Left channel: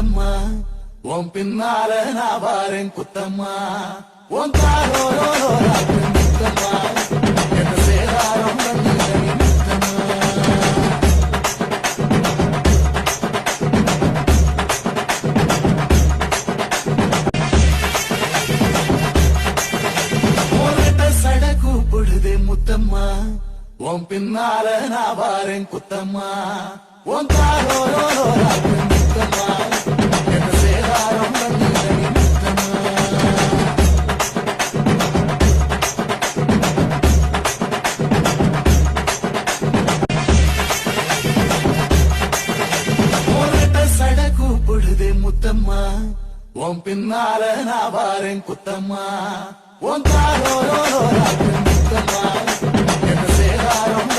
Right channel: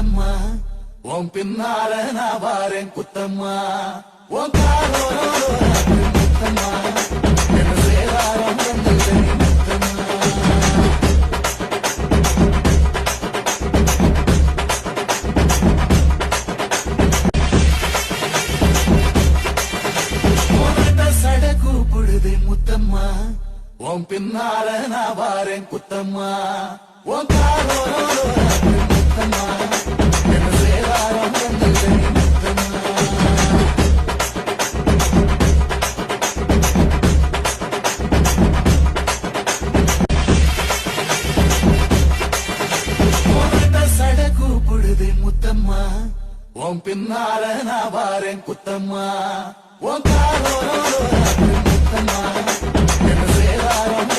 முத்தம்மா உன் பின்னால நான் வாரேன் குத்தம்மா உன் காரோரோ முத்தம்மா என்ன சேதாரம் வந்தது முத்தம்மா சட கூப்பிடுதே முத்தம்மா உன் பின்னால நான் வாரேன் குத்தம்மா உன் காரோரோ முத்தம்மா என்ன சேதாரம் வந்தது முத்தம்மா சட கூப்பிடுதே முத்தம்மா உன் பின்னால நான் வாரேன் குத்தம்மா உன் காரோரோ முத்தம்மா என்ன சேதாரம்